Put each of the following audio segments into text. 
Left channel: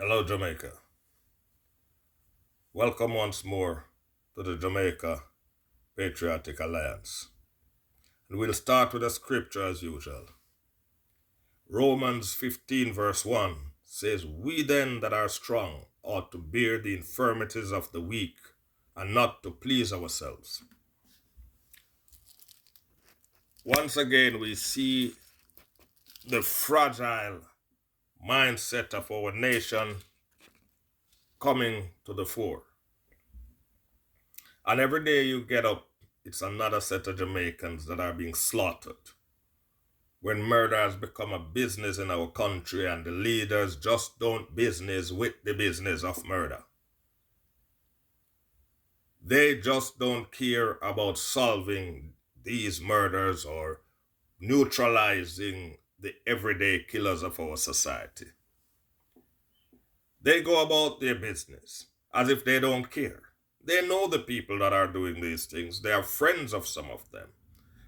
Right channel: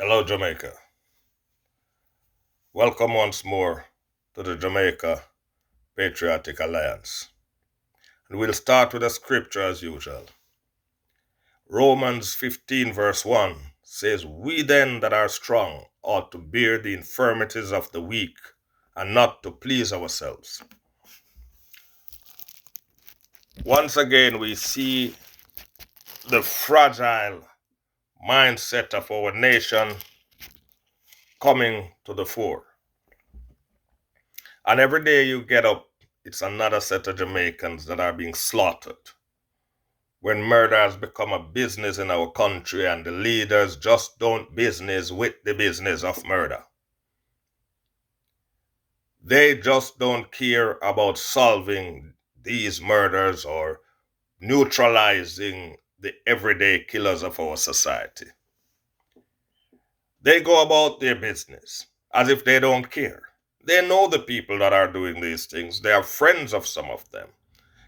Hello, Jamaica. Welcome once more to the Jamaica Patriotic Alliance. And we'll start with a scripture as usual. Romans 15, verse 1 says, "We then that are strong ought to bear the infirmities of the weak and not to please ourselves." Once again, we see the fragile mindset of our nation coming to the fore. And every day you get up, it's another set of Jamaicans that are being slaughtered. When murder has become a business in our country and the leaders just don't business with the business of murder. They just don't care about solving these murders or neutralizing the everyday killers of our society. They go about their business as if they don't care. They know the people that are doing these things. They are friends of some of them.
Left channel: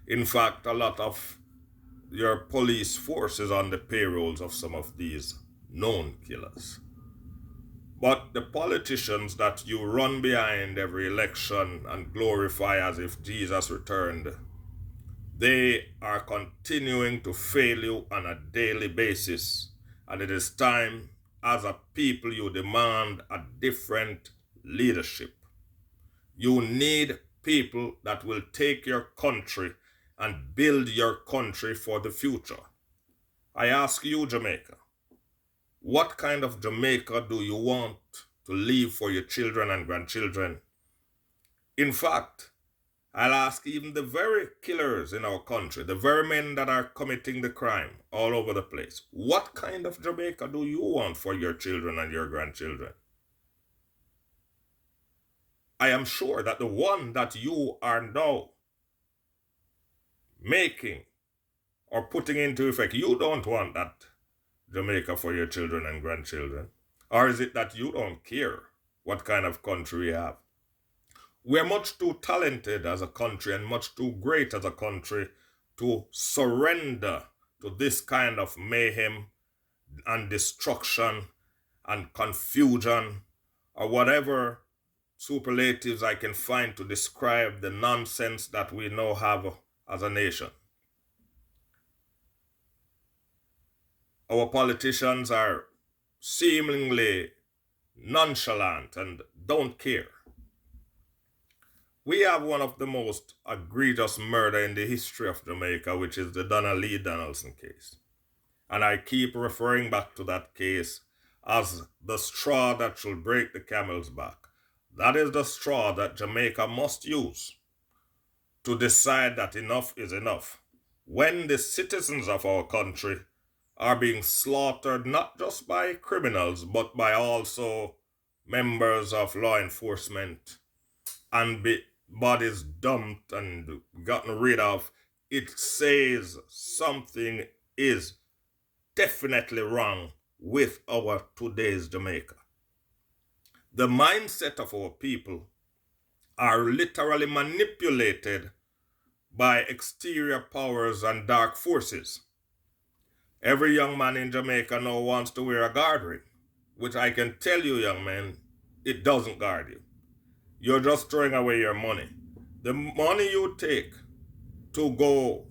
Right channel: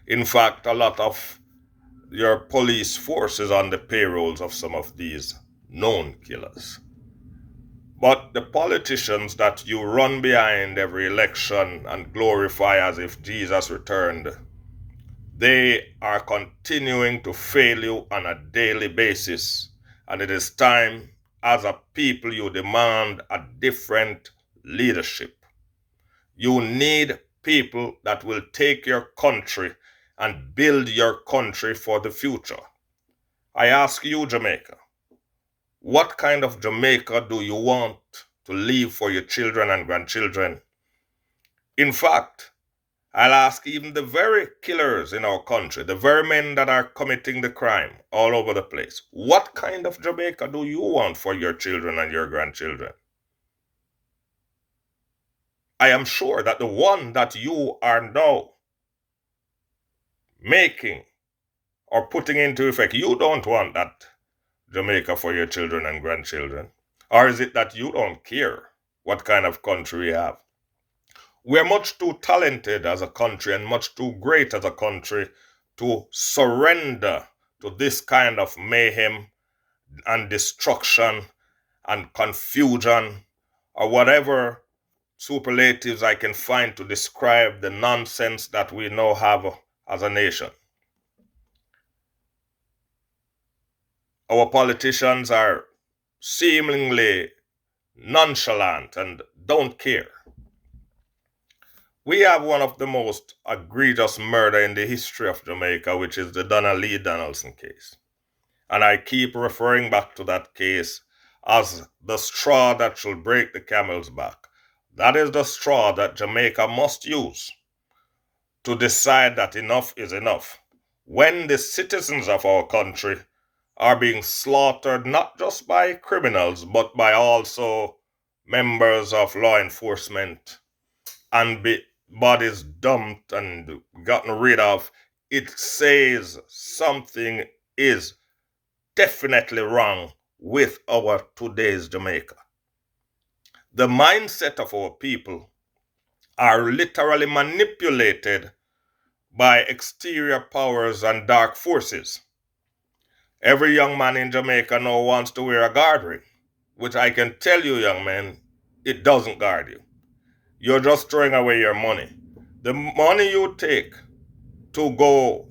In fact, a lot of your police force is on the payrolls of some of these known killers. But the politicians that you run behind every election and glorify as if Jesus returned, they are continuing to fail you on a daily basis. And it is time, as a people, you demand a different leadership. You need people that will take your country and build your country for the future. I ask you, Jamaica, what kind of Jamaica do you want to leave for your children and grandchildren? In fact, I'll ask even the very killers in our country, the very men that are committing the crime all over the place, what kind of Jamaica do you want for your children and your grandchildren? I am sure that the one that you are now making or putting into effect, you don't want that Jamaica for your children and grandchildren. Or is it that you don't care what kind of country we have? We're much too talented as a country and much too great as a country to surrender to this kind of mayhem and destruction and confusion or whatever superlatives I can find to describe the nonsense that we now have as a nation. Our politicians are seemingly nonchalant and don't care. We have one of the most egregious murder in the history of Jamaica, which is the Donna Lee Donaldson case. And I keep referring back to that case as the straw that shall break the camel's back. That is the straw that Jamaica must use to decide that enough is enough. When the citizens of our country are being slaughtered not just by criminals, but by also members of law enforcement and bodies dumped and gotten rid of, it says something is definitely wrong with our today's Jamaica. The mindset of our people are literally manipulated by exterior powers and dark forces. Every young man in Jamaica now wants to wear a guard ring, which I can tell you, young man, it doesn't guard you. You're just throwing away your money. The money you take to go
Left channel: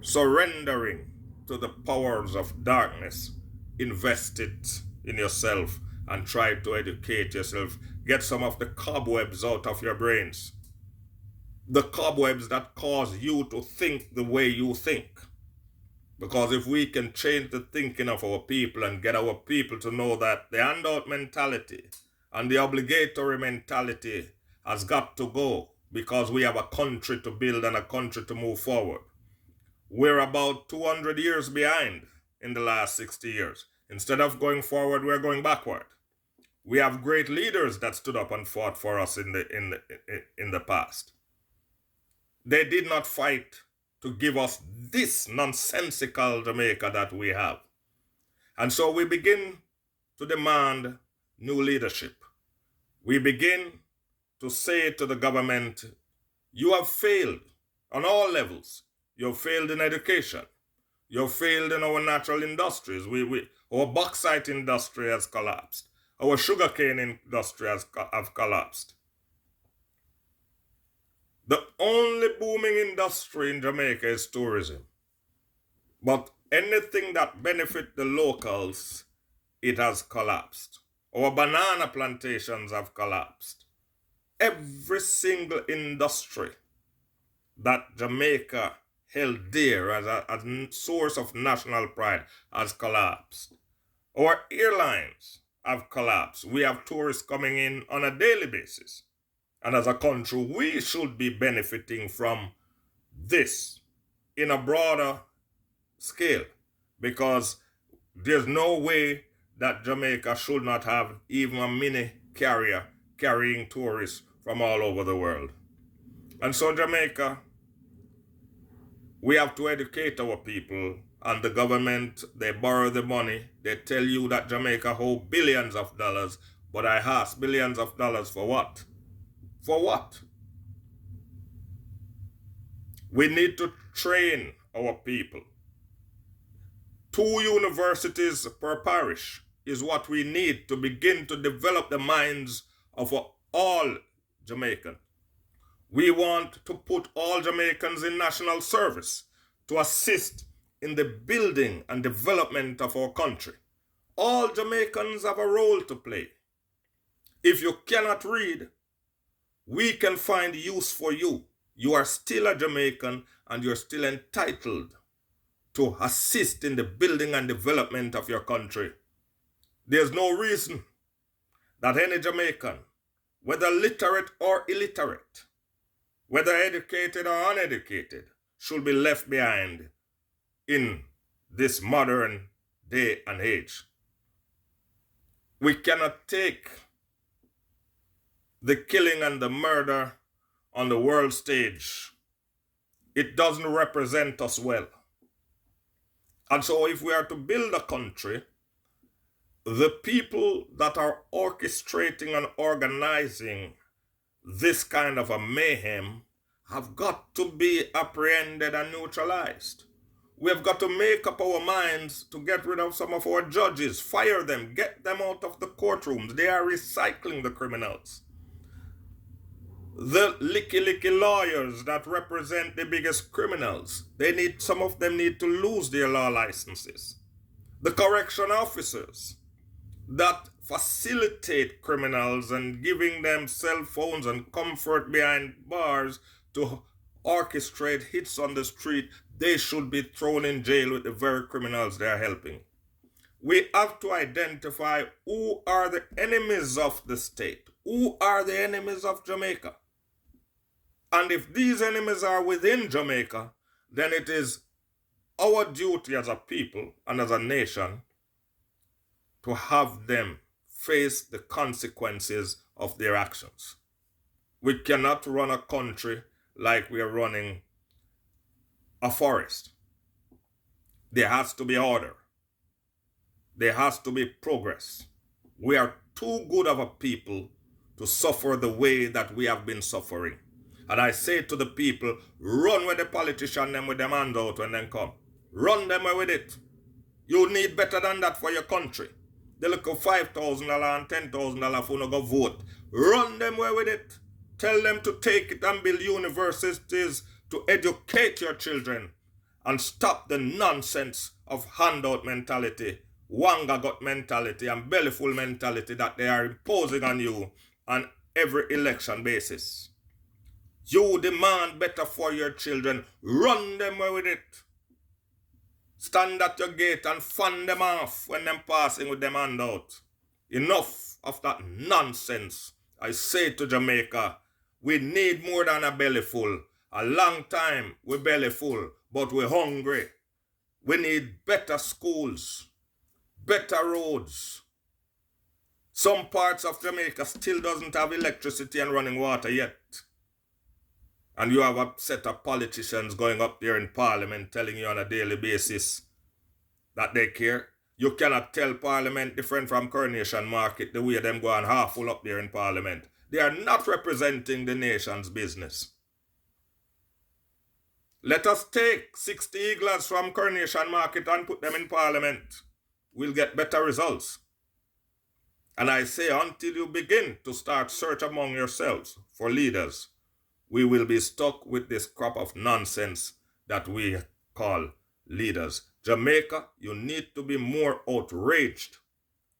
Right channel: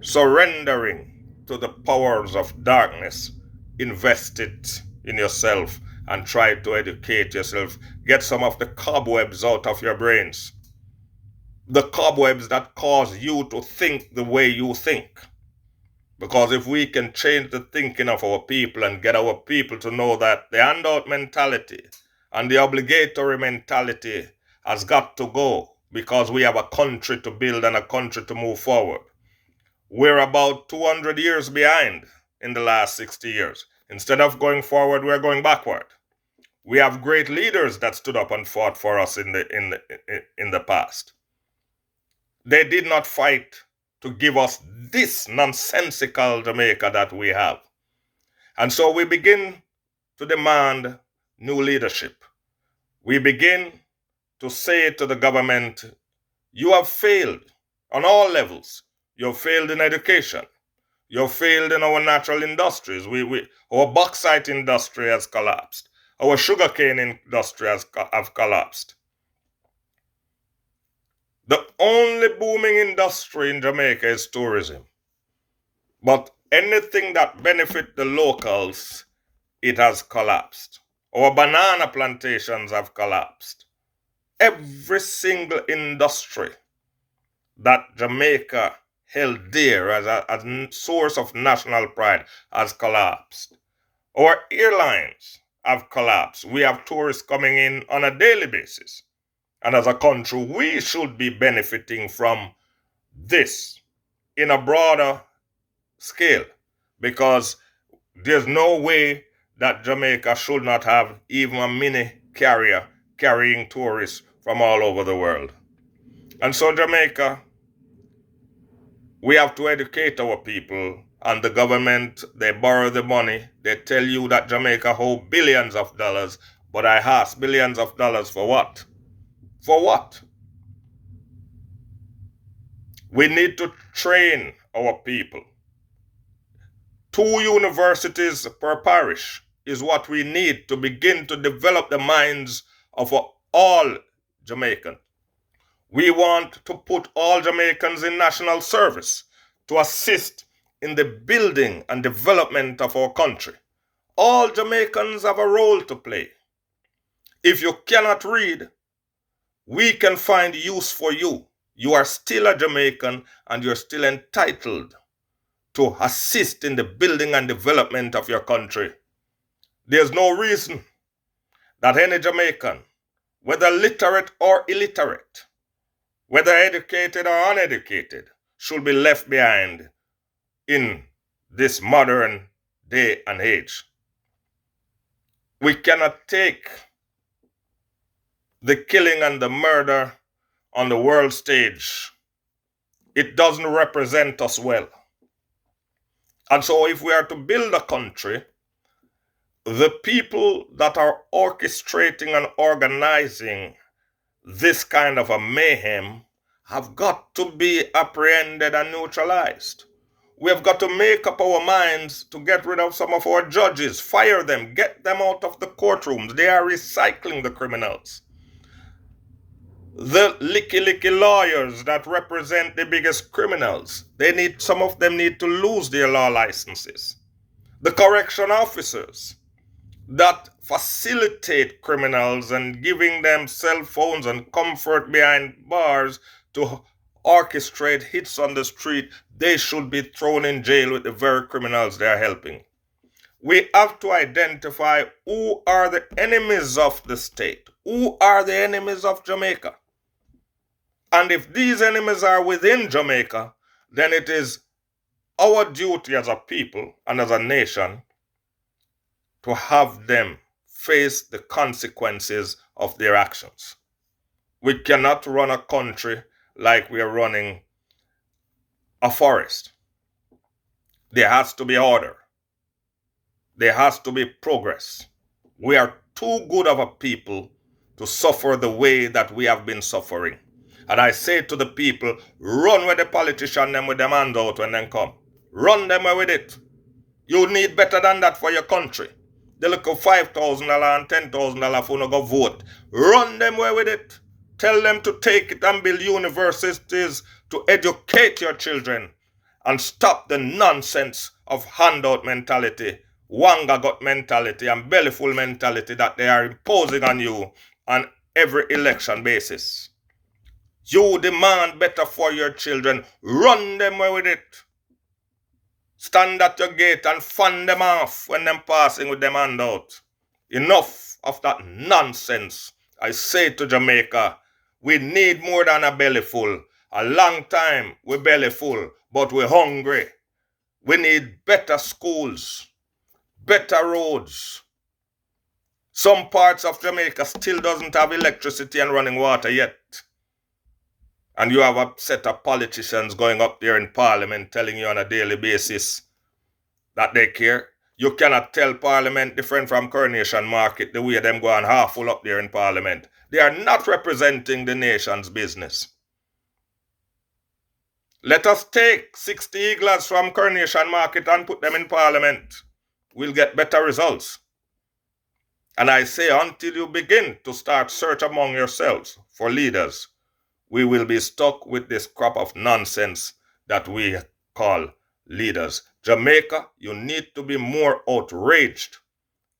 surrendering to the powers of darkness, invest it in yourself and try to educate yourself. Get some of the cobwebs out of your brains. The cobwebs that cause you to think the way you think. Because if we can change the thinking of our people and get our people to know that the handout mentality and the obligatory mentality has got to go because we have a country to build and a country to move forward. We're about 200 years behind in the last 60 years. Instead of going forward, we're going backward. We have great leaders that stood up and fought for us in the past. They did not fight to give us this nonsensical Jamaica that we have. And so we begin to demand new leadership. We begin to say to the government, you have failed on all levels. You have failed in education. You failed in our natural industries. Our bauxite industry has collapsed. Our sugarcane industry have collapsed. The only booming industry in Jamaica is tourism. But anything that benefits the locals, it has collapsed. Our banana plantations have collapsed. Every single industry that Jamaica held dear as a source of national pride has collapsed. Our airlines have collapsed. We have tourists coming in on a daily basis. And as a country, we should be benefiting from this in a broader scale, because there's no way that Jamaica should not have even a mini carrier carrying tourists from all over the world. And so Jamaica, we have to educate our people, and the government, they borrow the money. They tell you that Jamaica owes billions of dollars, but I ask, billions of dollars for what? For what? We need to train our people. 2 universities per parish is what we need to begin to develop the minds of all Jamaicans. We want to put all Jamaicans in national service to assist in the building and development of our country. All Jamaicans have a role to play. If you cannot read, we can find use for you. You are still a Jamaican and you're still entitled to assist in the building and development of your country. There's no reason that any Jamaican, whether literate or illiterate, whether educated or uneducated, should be left behind in this modern day and age. We cannot take the killing and the murder on the world stage. It doesn't represent us well. And so if we are to build a country, the people that are orchestrating and organizing this kind of a mayhem have got to be apprehended and neutralized. We have got to make up our minds to get rid of some of our judges, fire them, get them out of the courtrooms. They are recycling the criminals. The licky lawyers that represent the biggest criminals, some of them need to lose their law licenses. The correction officers that facilitate criminals and giving them cell phones and comfort behind bars to orchestrate hits on the street, they should be thrown in jail with the very criminals they are helping. We have to identify who are the enemies of the state, who are the enemies of Jamaica. And if these enemies are within Jamaica, then it is our duty as a people and as a nation to have them face the consequences of their actions. We cannot run a country like we are running a forest. There has to be order. There has to be progress. We are too good of a people to suffer the way that we have been suffering. And I say to the people, run with the politician them with them hand out when they come. Run them with it. You need better than that for your country. They look at $5,000 and $10,000 for no go vote. Run them with it. Tell them to take it and build universities to educate your children and stop the nonsense of handout mentality, wanga gut mentality and bellyful mentality that they are imposing on you on every election basis. You demand better for your children. Run them with it. Stand at your gate and fan them off when them passing with them handout. Enough of that nonsense. I say to Jamaica, we need more than a belly full. A long time we belly full, but we're hungry. We need better schools, better roads. Some parts of Jamaica still doesn't have electricity and running water yet. And you have a set of politicians going up there in Parliament telling you on a daily basis that they care. You cannot tell Parliament different from Coronation Market the way them go on half full up there in Parliament. They are not representing the nation's business. Let us take 60 eagles from Coronation Market and put them in Parliament. We'll get better results. And I say, until you begin to start search among yourselves for leaders, we will be stuck with this crop of nonsense that we call leaders. Jamaica, you need to be more outraged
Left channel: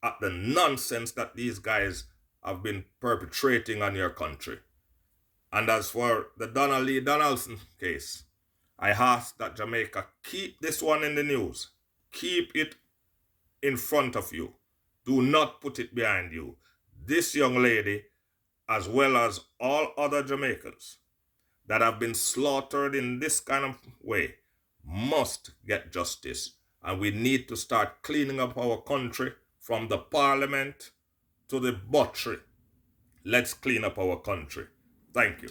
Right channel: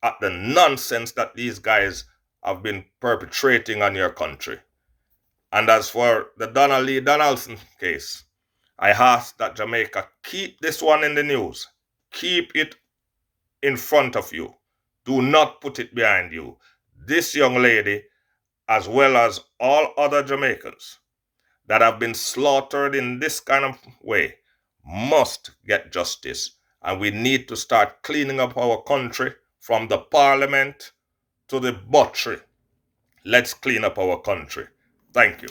at the nonsense that these guys have been perpetrating on your country. And as for the Donald Lee Donaldson case, I ask that Jamaica keep this one in the news. Keep it in front of you. Do not put it behind you. This young lady, as well as all other Jamaicans that have been slaughtered in this kind of way, must get justice. And we need to start cleaning up our country from the parliament to the butchery. Let's clean up our country. Thank you.